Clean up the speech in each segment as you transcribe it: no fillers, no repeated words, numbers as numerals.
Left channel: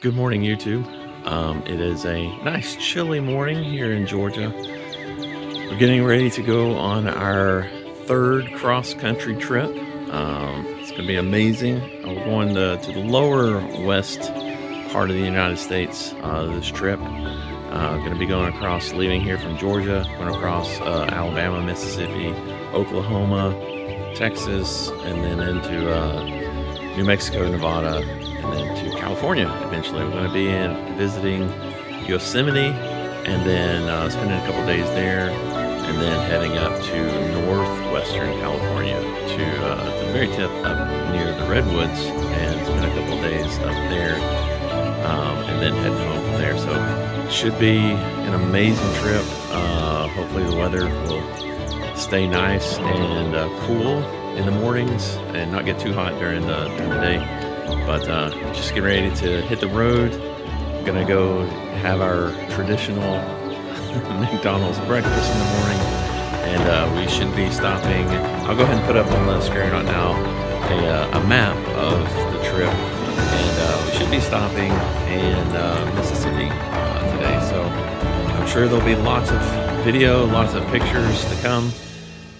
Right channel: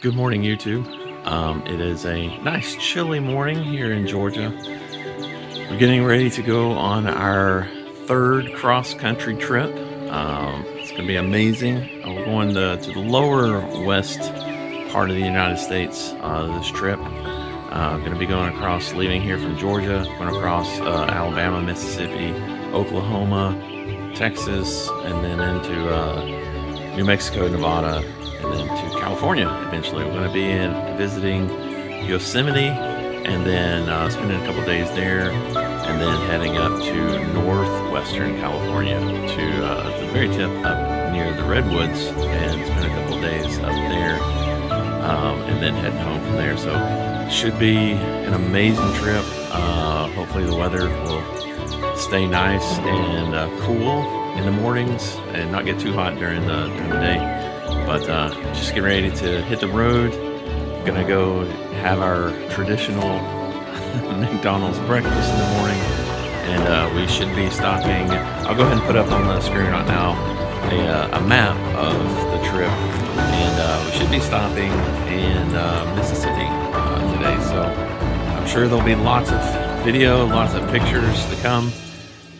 Good morning, YouTube. It is a nice chilly morning here in Georgia. We're getting ready to go on our third cross-country trip. It's going to be amazing. We're going to the lower west part of the United States this trip. Going to be going across, leaving here from Georgia, going across Alabama, Mississippi, Oklahoma, Texas, and then into New Mexico, Nevada, and then to California eventually. We're going to be visiting Yosemite and then spending a couple days there, and then heading up to northwestern California to the very tip up near the Redwoods and spend a couple days up there, and then heading home from there. So it should be an amazing trip. Hopefully the weather will stay nice and cool in the mornings and not get too hot during the day. But just get ready to hit the road. Gonna go have our traditional McDonald's breakfast in the morning, and we should be stopping. I'll go ahead and put up on the screen right now a map of the trip, and we should be stopping in Mississippi today. So I'm sure there'll be lots of video, lots of pictures to come.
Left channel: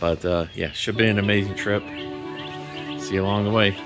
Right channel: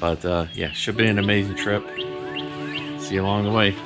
But yeah, should be an amazing trip. See you along the way.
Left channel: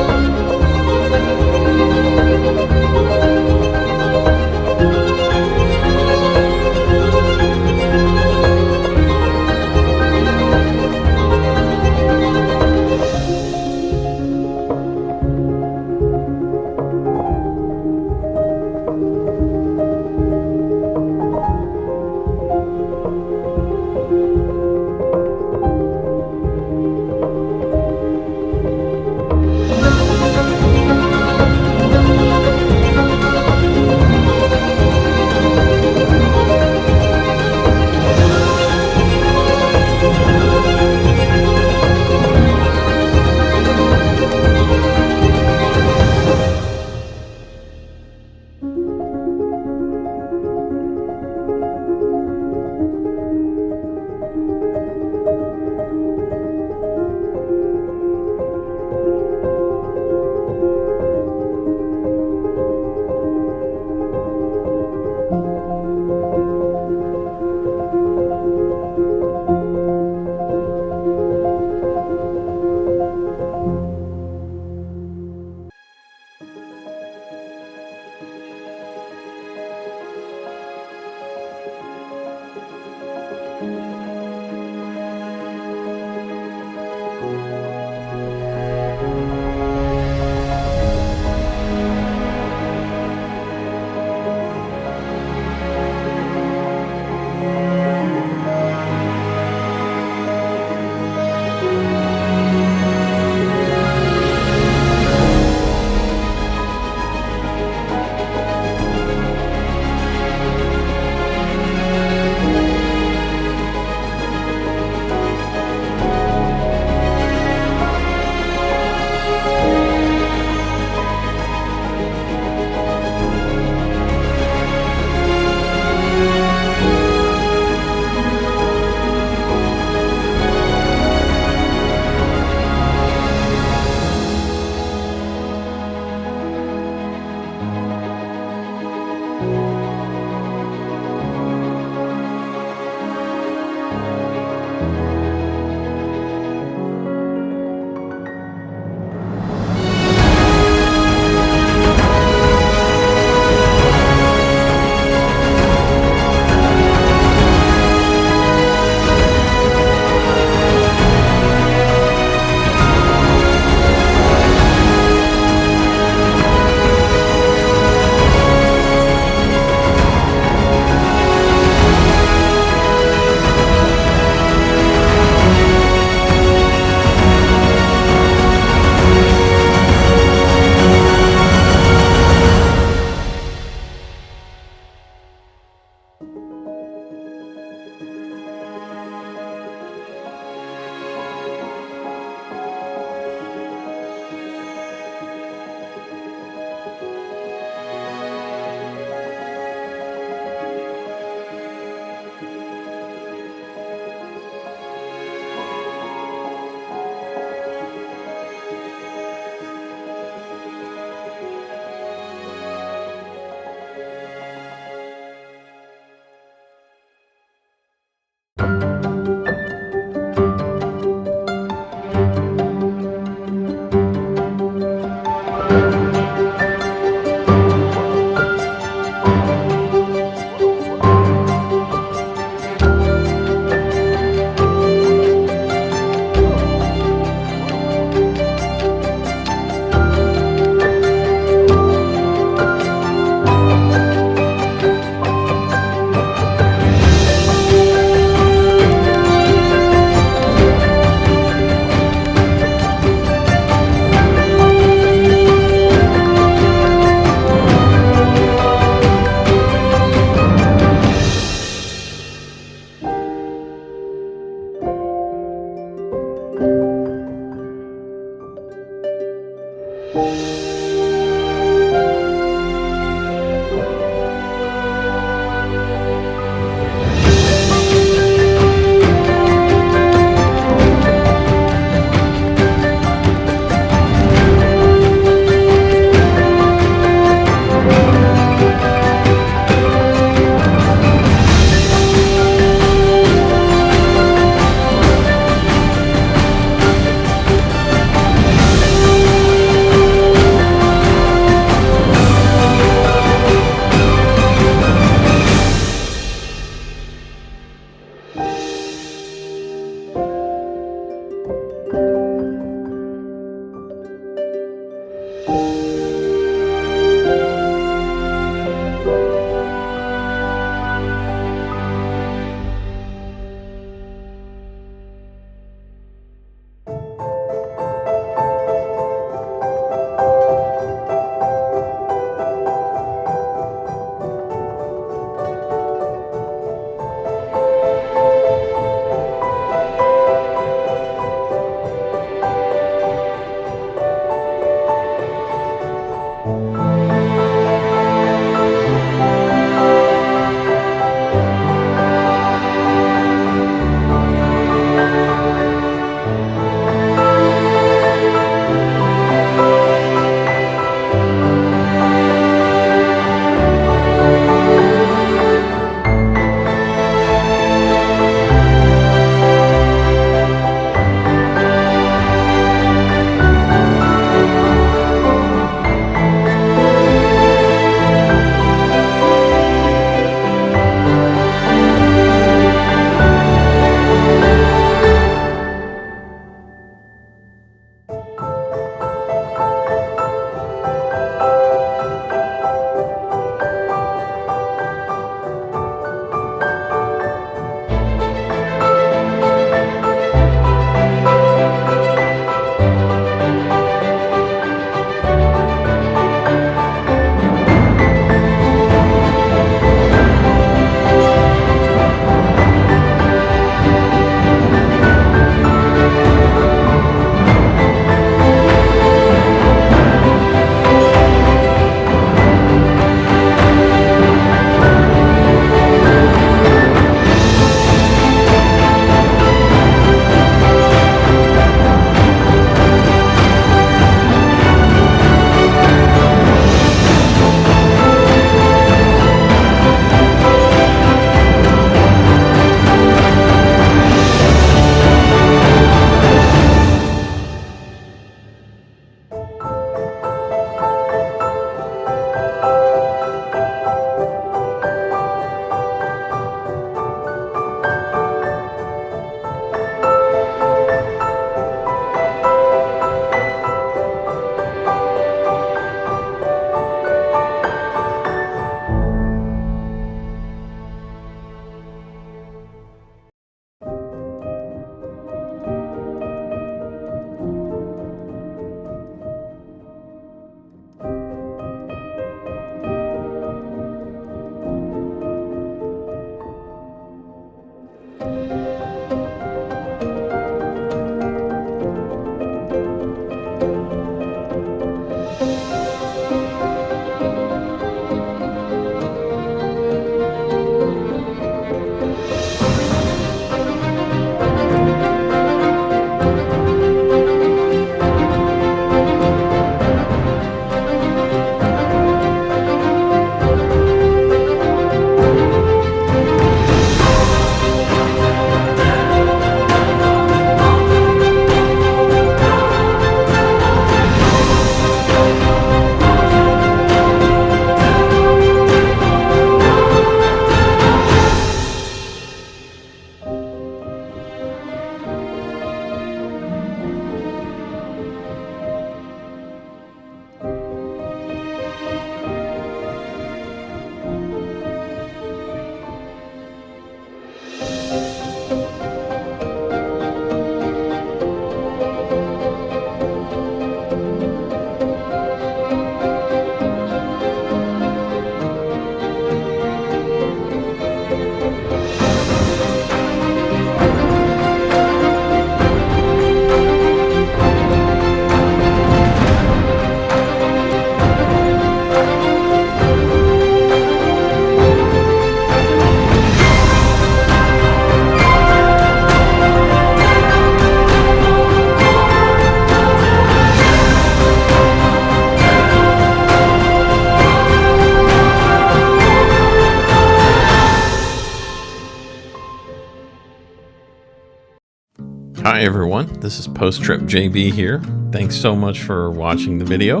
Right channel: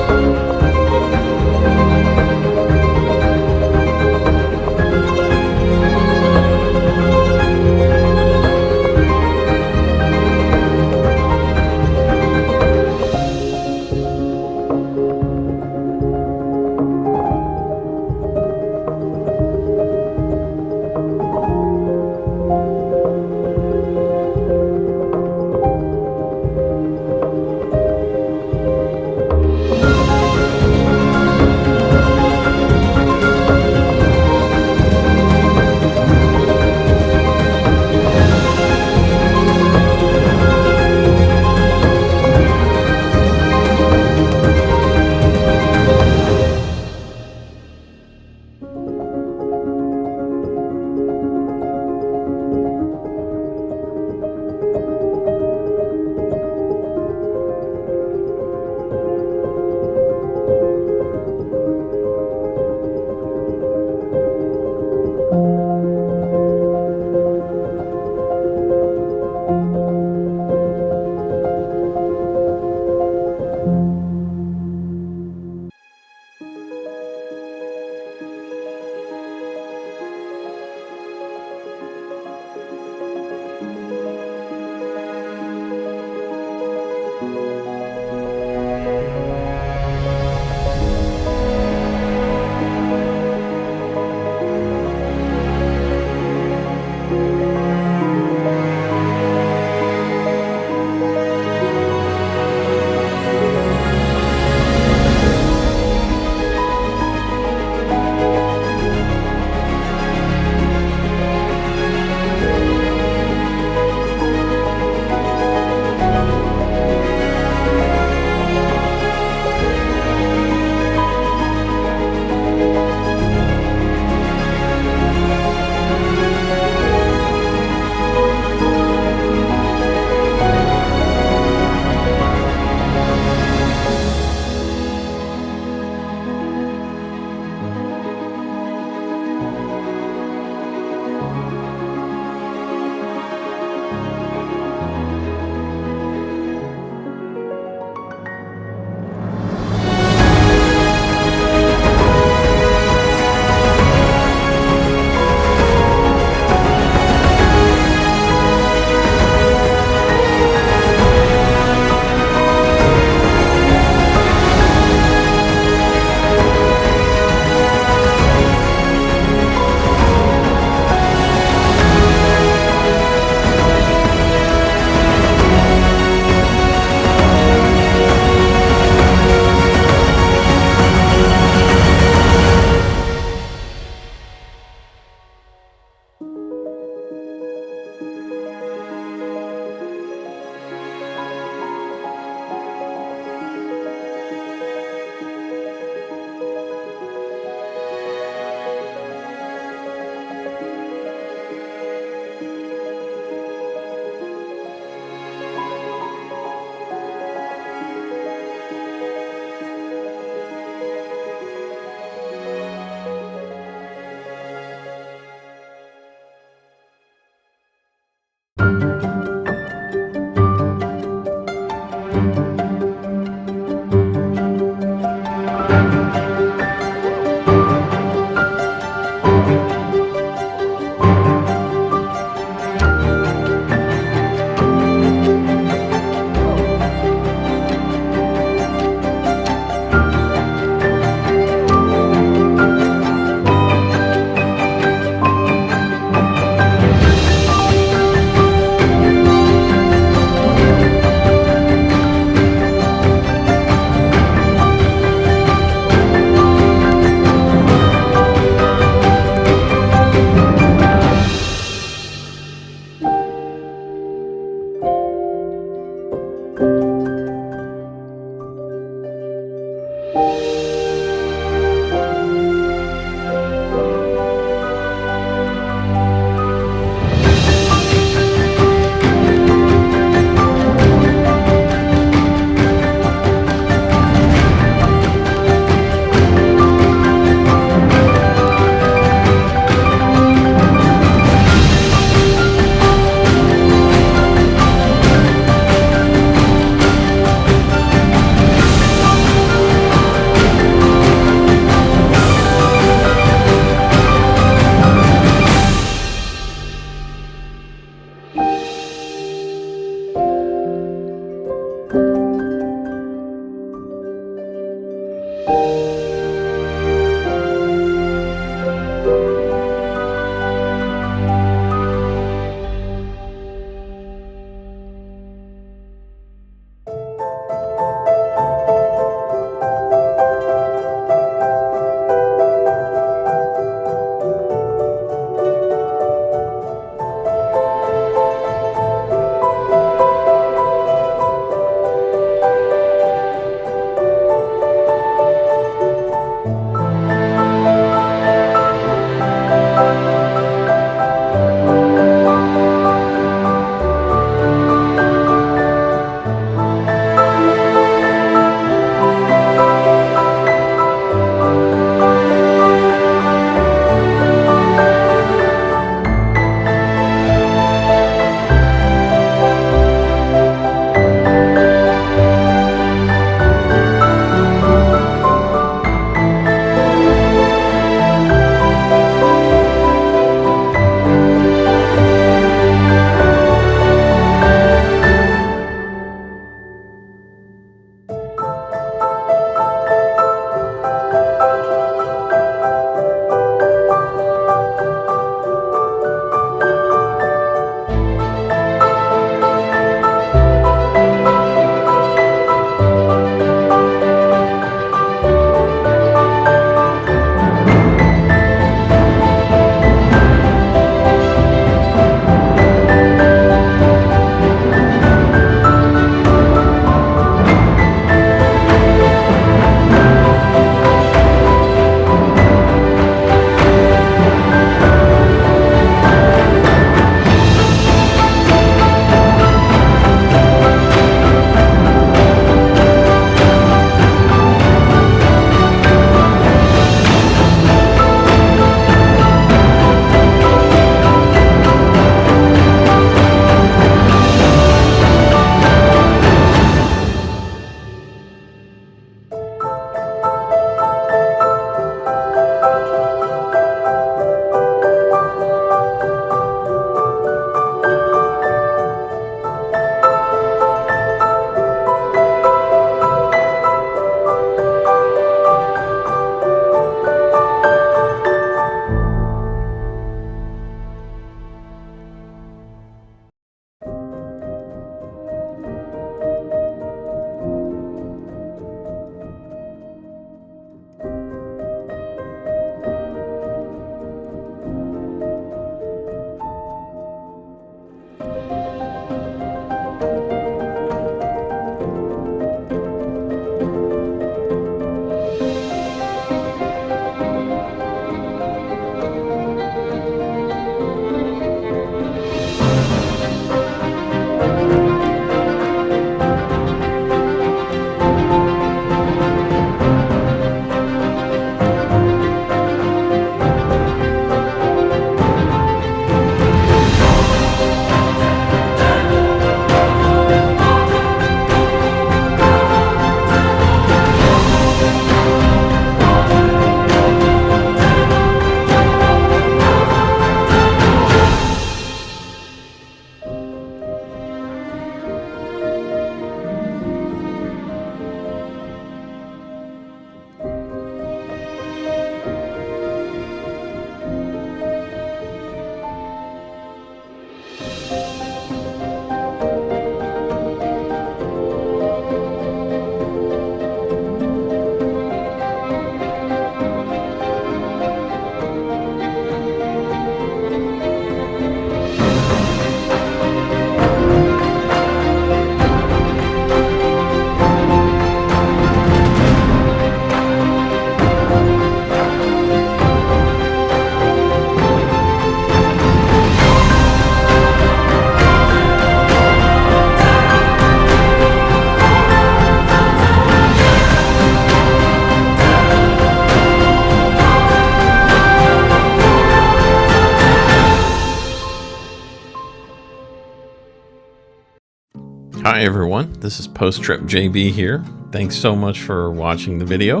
Hi everyone, this is Post Trip JB here. Thanks so much for watching the video.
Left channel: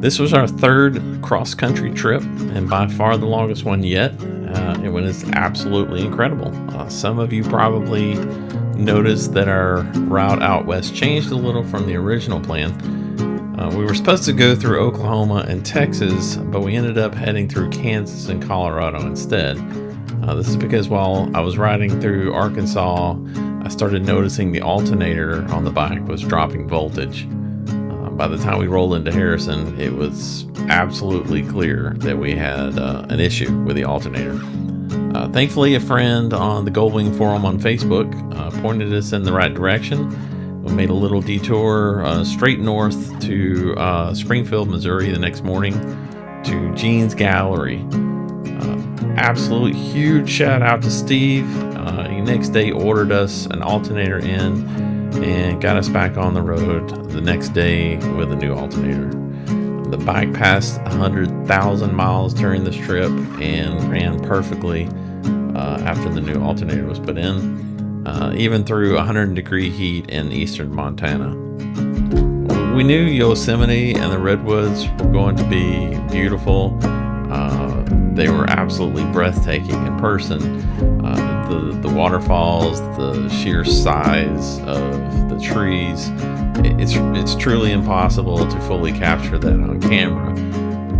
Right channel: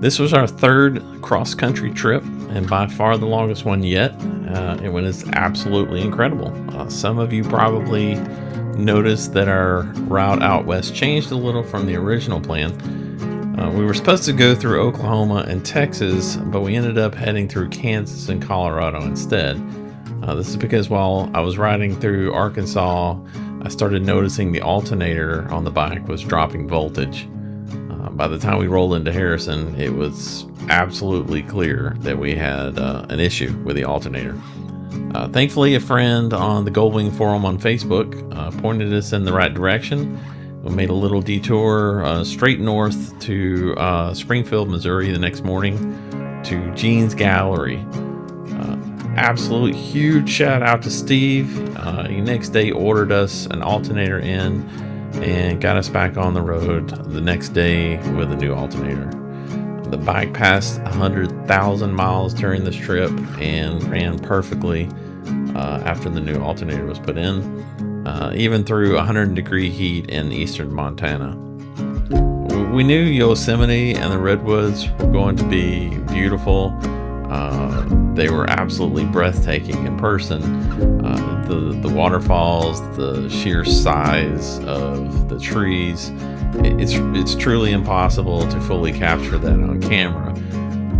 This was our third cross-country trip and by far the longest one yet. It was absolutely incredible. Some of you probably noticed that our route out west changed a little from the original plan. We were supposed to go through Oklahoma and Texas, but we ended up heading through Kansas and Colorado instead. This is because while I was riding through Arkansas, I started noticing the alternator on the bike was dropping voltage. By the time we rolled into Harrison, it was absolutely clear that we had an issue with the alternator. Thankfully, a friend on the Goldwing forum on Facebook pointed us in the right direction. We made a little detour straight north to Springfield, Missouri the next morning to Gene's Gallery. Absolute huge shout out to Steve. He next day ordered us an alternator in and got us back on the road the next day with a new alternator. The bike passed 100,000 miles during this trip and ran perfectly after the new alternator was put in, even through 100-degree heat in eastern Montana. We knew Yosemite and the Redwoods were going to be beautiful. They were absolutely breathtaking in person. The waterfalls, the sheer size of the trees, it's truly impossible to fully capture that on camera.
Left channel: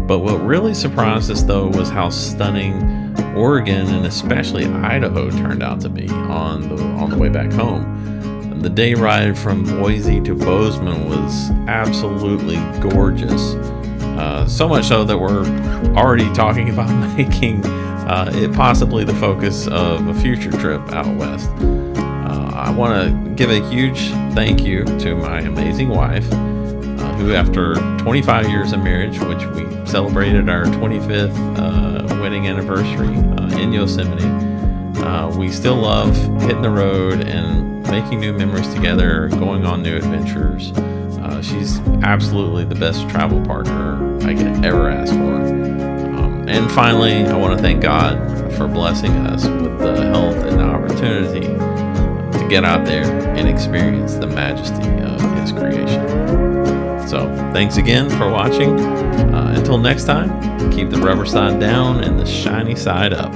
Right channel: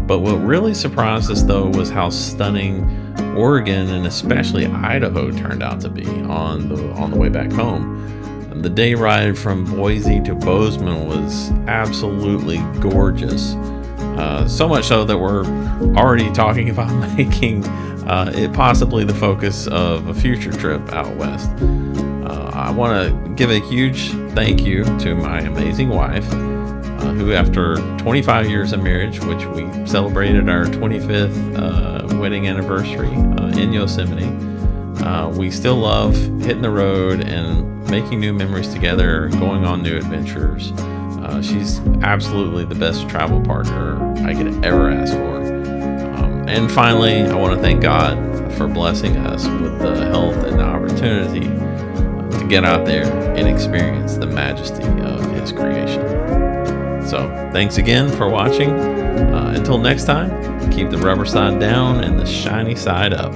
But what really surprised us though was how stunning Oregon and especially Idaho turned out to be on the way back home. The day ride from Boise to Bozeman was absolutely gorgeous. So much so that we're already talking about making it possibly the focus of a future trip out west. I want to give a huge thank you to my amazing wife, who after 25 years of marriage, which we celebrated our 25th wedding anniversary in Yosemite, we still love hitting the road and making new memories together, going on new adventures. She's absolutely the best travel partner I could ever ask for. And finally, I want to thank God for blessing us with the health and the opportunity to get out there and experience the majesty of His creation. So, thanks again for watching. Until next time, keep the rubber side down and the shiny side up.